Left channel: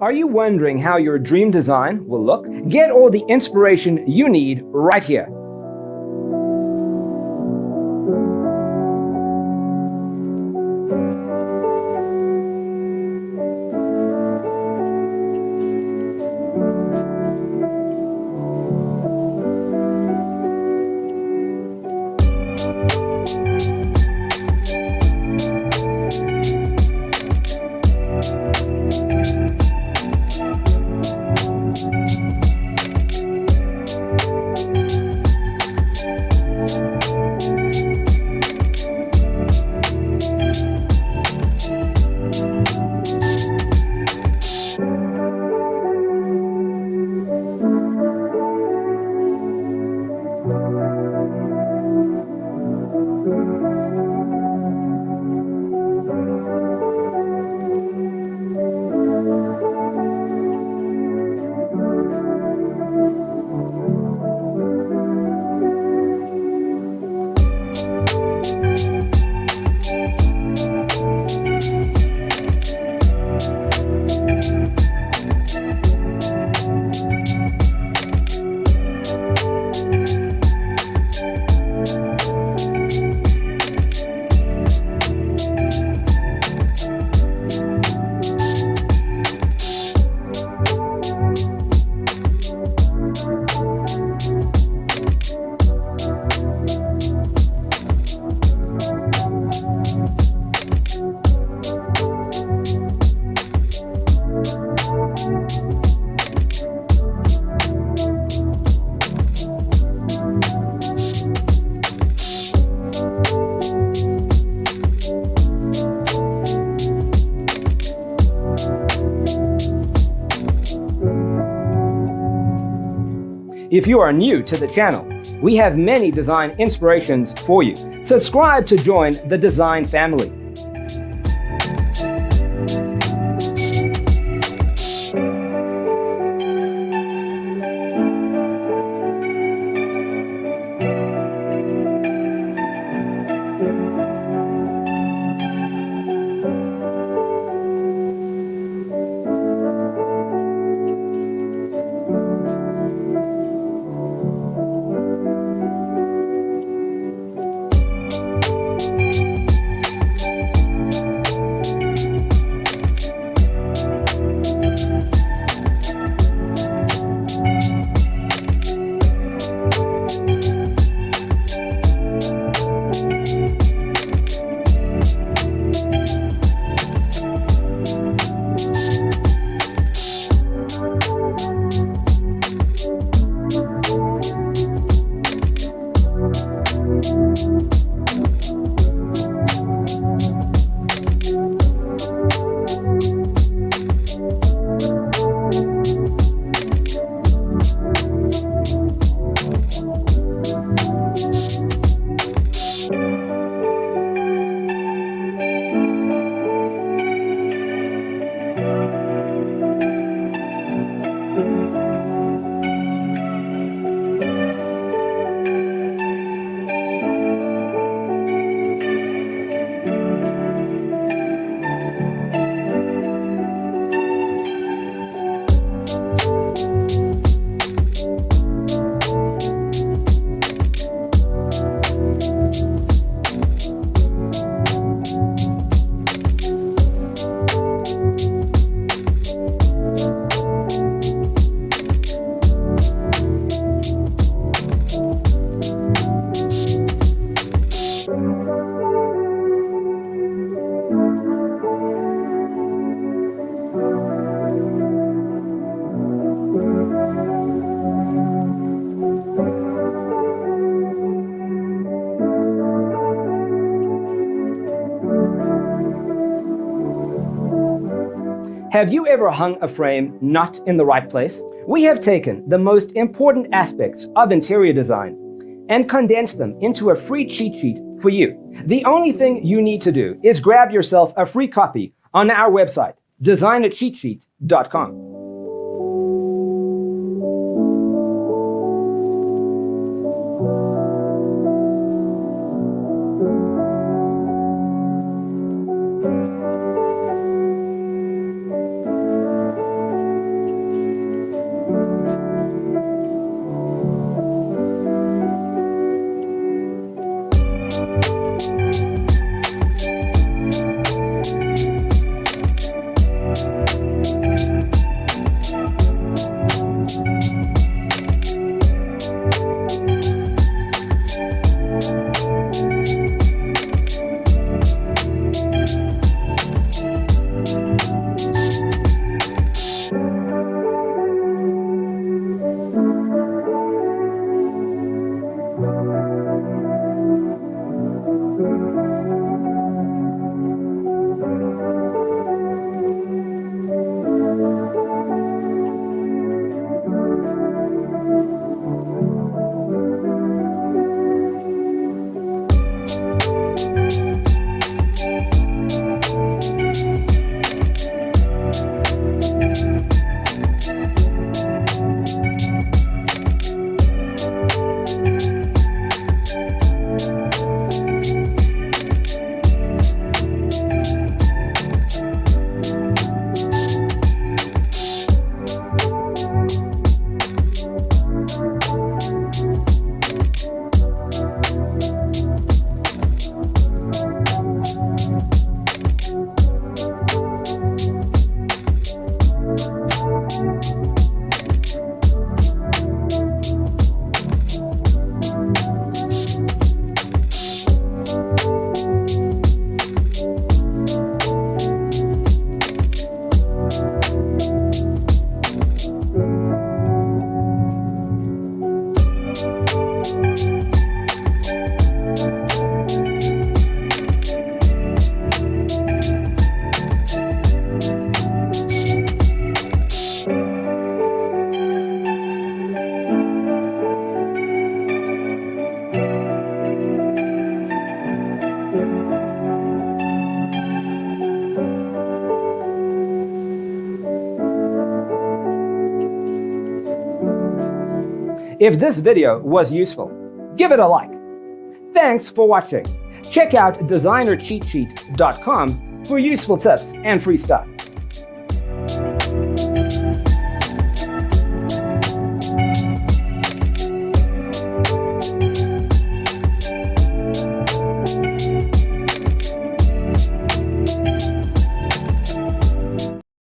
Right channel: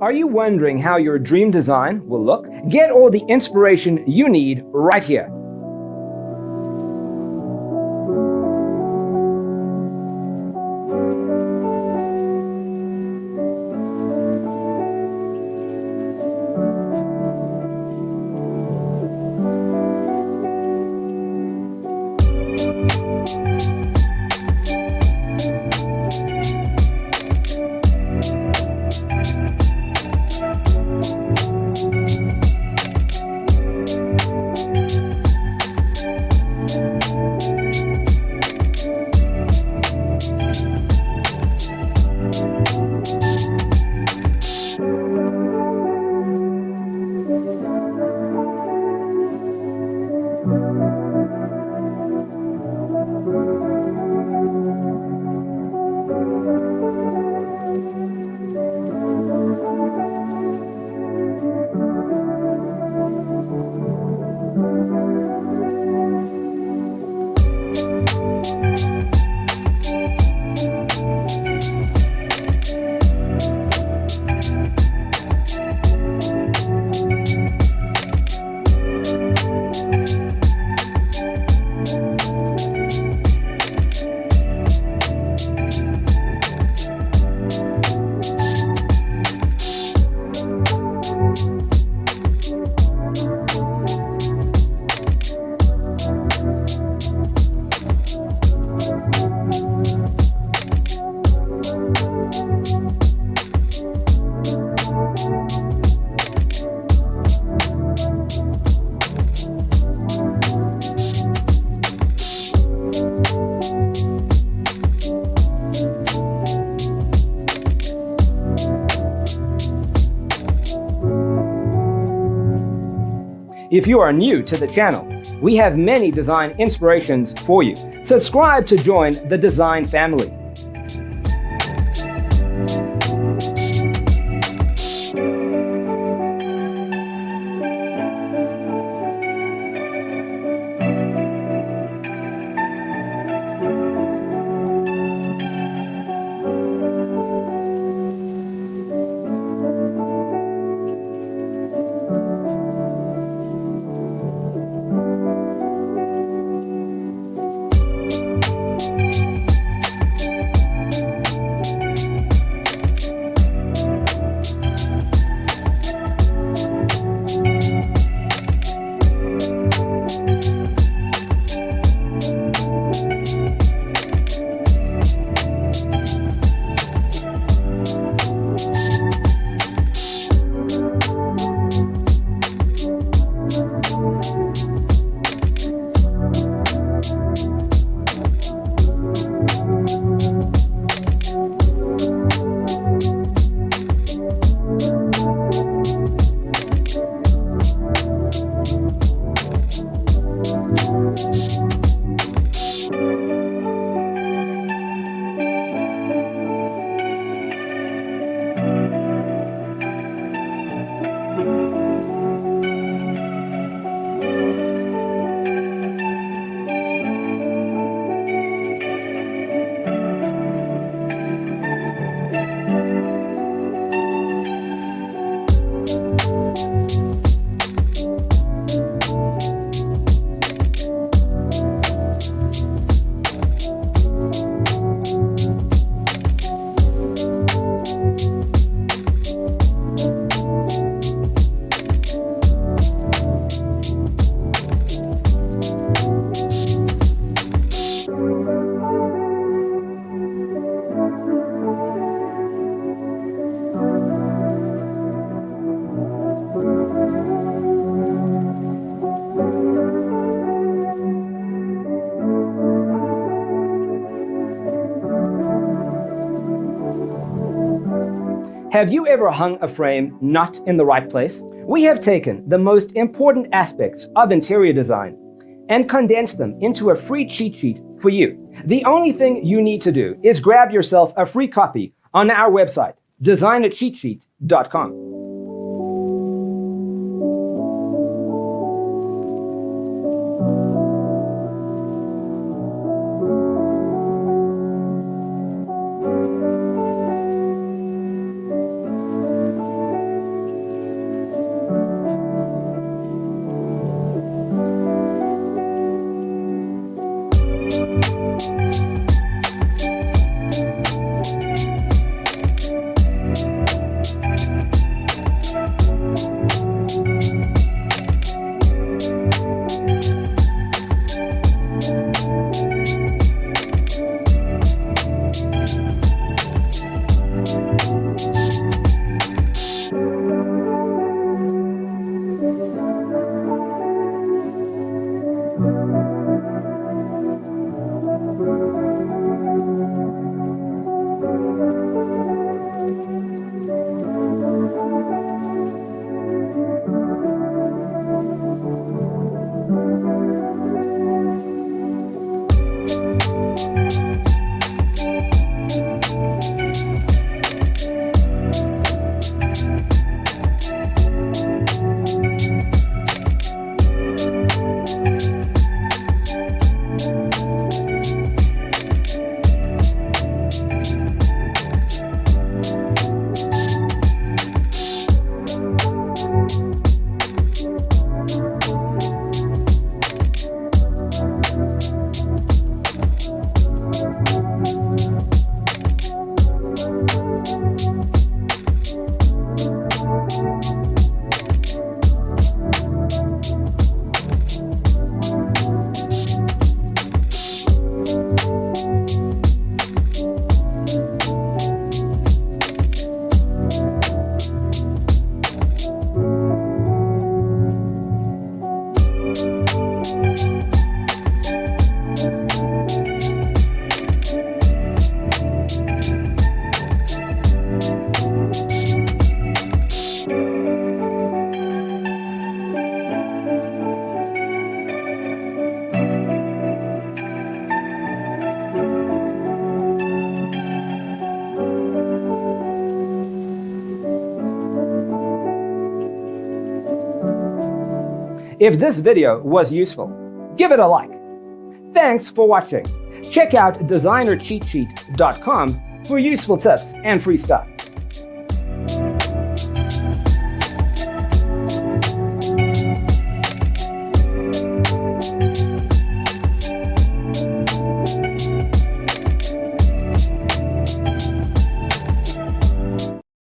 Are you wondering how your dream design will look? Get all the inspiration you need right here. If you are new to the channel, we have many design inspirations for you. Subscribe to join the design family. Have you ever hung a frame not in the right place? We have taken the most important aspects of interior design and condensed them into a free cheat sheet for you. The only thing you need to do is grab yourself a free copy on our website, designercheatsheet.com. If this video was useful, give it a like. Thanks for watching. Check out designercheatsheet.com for useful tips and free stuff.